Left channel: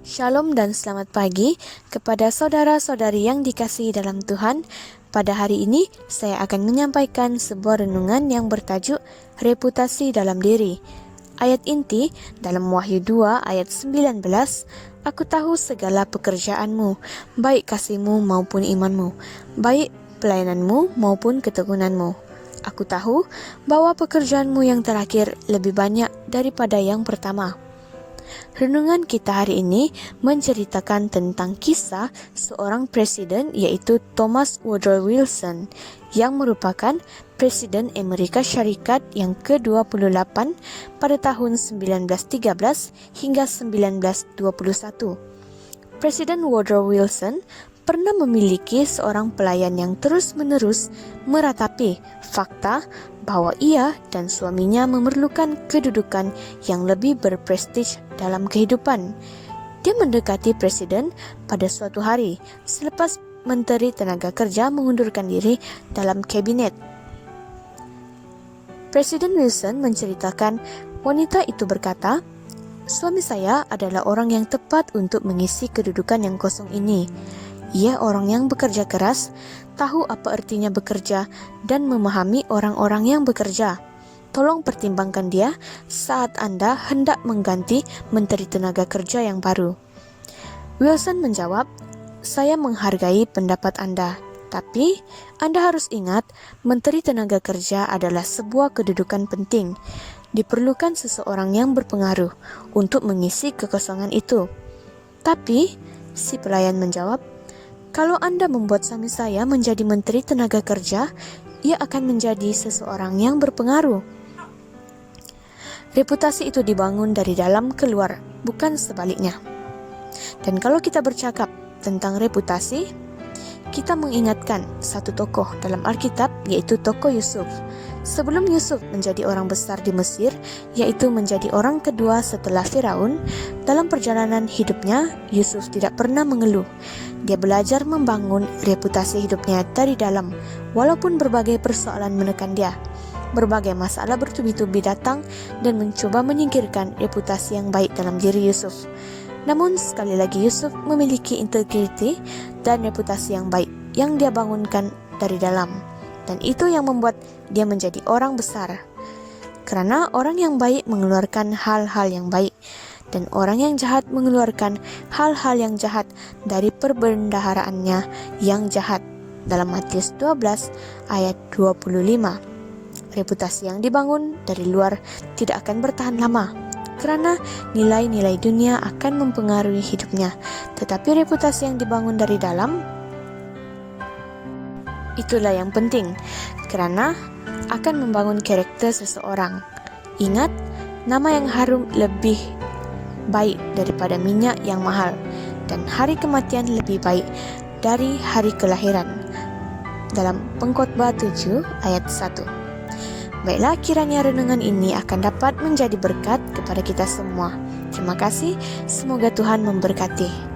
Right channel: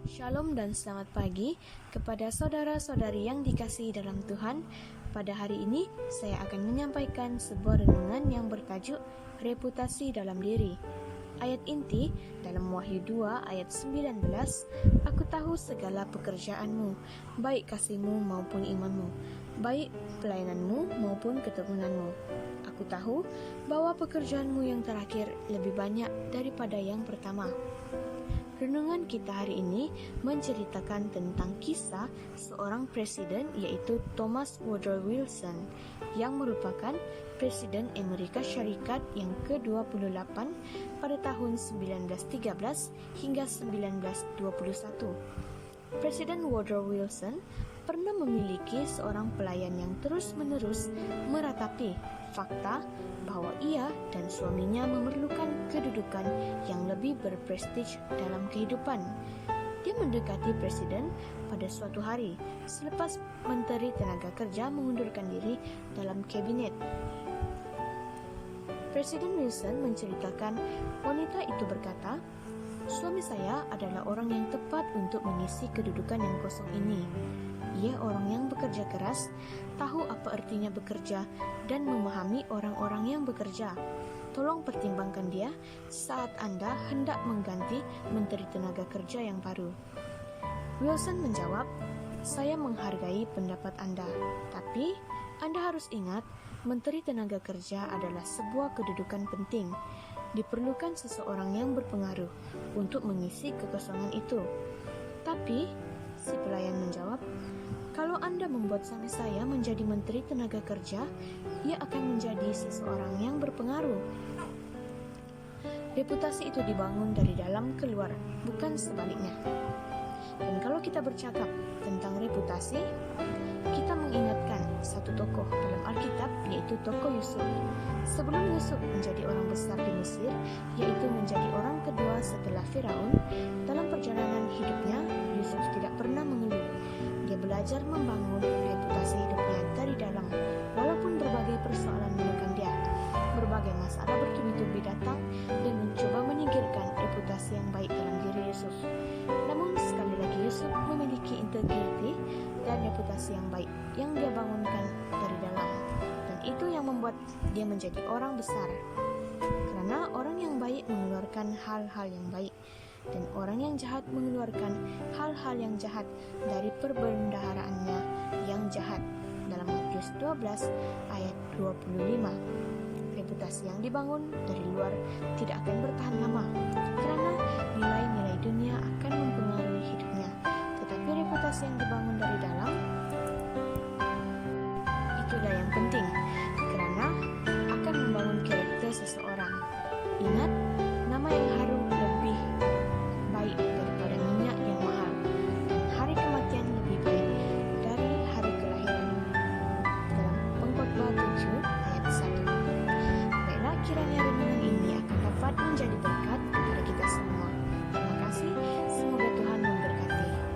Shalom dan selamat pagi kepada saudara-saudari yang dikasihi dalam Tuhan. Pada hari ini saya akan menyampaikan sebuah renungan yang bertajuk reputasi dalam diri. Ayat inti dalam Wahyu 2 ayat 19, "Aku tahu segala pekerjaanmu, baik kasihmu maupun imanmu, baik pelayananmu maupun ketekunanmu. Aku tahu bahwa pekerjaanmu yang terakhir lebih banyak daripada yang pertama." Renungan kita hari ini menceritakan tentang kisah seorang presiden, yaitu Thomas Woodrow Wilson, yang merupakan Presiden Amerika Syarikat yang ke-28 pada tahun 1913 hingga 1921. Presiden Woodrow Wilson pernah memiliki seorang pelayan yang terus-menerus meratapi fakta bahwa ia dan suaminya memerlukan kedudukan yang lebih berprestij dalam kehidupan. Dia mendekati presiden pada suatu hari selepas Menteri Tenaga Kerja mengundurkan diri dalam kabinet. Presiden Wilson menceritakan wanita itu berkata, "Suami saya adalah orang yang tepat untuk mengisi kedudukan yang kosong ini. Ia orang yang bekerja keras, tahu apa artinya bekerja, dan memahami orang-orang yang bekerja. Tolong pertimbangkan dia saat Anda hendak mengganti Menteri Tenaga Kerja yang baru." Wilson menjawab, "Saya menghargai pendapat Anda, tapi Anda harus ingat, Menteri Tenaga Kerja adalah sebuah kedudukan penting. Diperlukan seseorang yang berpengaruh untuk mengisi kekosongan itu." "Tapi," si pelayan menjawab, "kalau Anda membuat suami saya menjadi Menteri Tenaga Kerja, ia akan menjadi seseorang yang berpengaruh." Reputasi itu dibangun dari dalam keluar, bukan sebaliknya. Dan kalau kita bercakap tentang reputasi, kita mengingatkan satu tokoh dalam Alkitab, yaitu tokoh Yusuf. Sebelum Yusuf menjadi orang besar di Mesir, yaitu menjadi orang kedua setelah Firaun, dalam perjalanan hidupnya, Yusuf tidak pernah mengeluh. Dia belajar membangun reputasi hidupnya dari dalam, walaupun berbagai persoalan menekan dia. Berbagai masalah bertubi-tubi datang dan mencoba menyingkirkan reputasi yang baik dalam diri Yusuf. Namun sekali lagi Yusuf memiliki integriti dan reputasi yang baik yang dia bangunkan dari dalam. Dan itu yang membuat dia menjadi orang besar. Karena orang yang baik mengeluarkan hal-hal yang baik, dan orang yang jahat mengeluarkan hal-hal yang jahat dari perbendaharaannya yang jahat. Dalam Matius 12 ayat 25. Reputasi yang dibangun dari luar tidak akan bertahan lama, karena nilai-nilai dunia akan mempengaruhi hidupnya. Tetapi reputasi yang dibangun dari dalam, itulah yang penting, karena akan membangun karakter seseorang. Ingat, nama yang harum lebih baik daripada minyak yang mahal, dan hari kematian lebih baik dari hari kelahiran. Dalam Pengkhotbah 7 ayat 1. Baiklah, kiranya renungan ini akan dapat menjadi berkat kepada kita semua. Terima kasih, semoga Tuhan memberkati.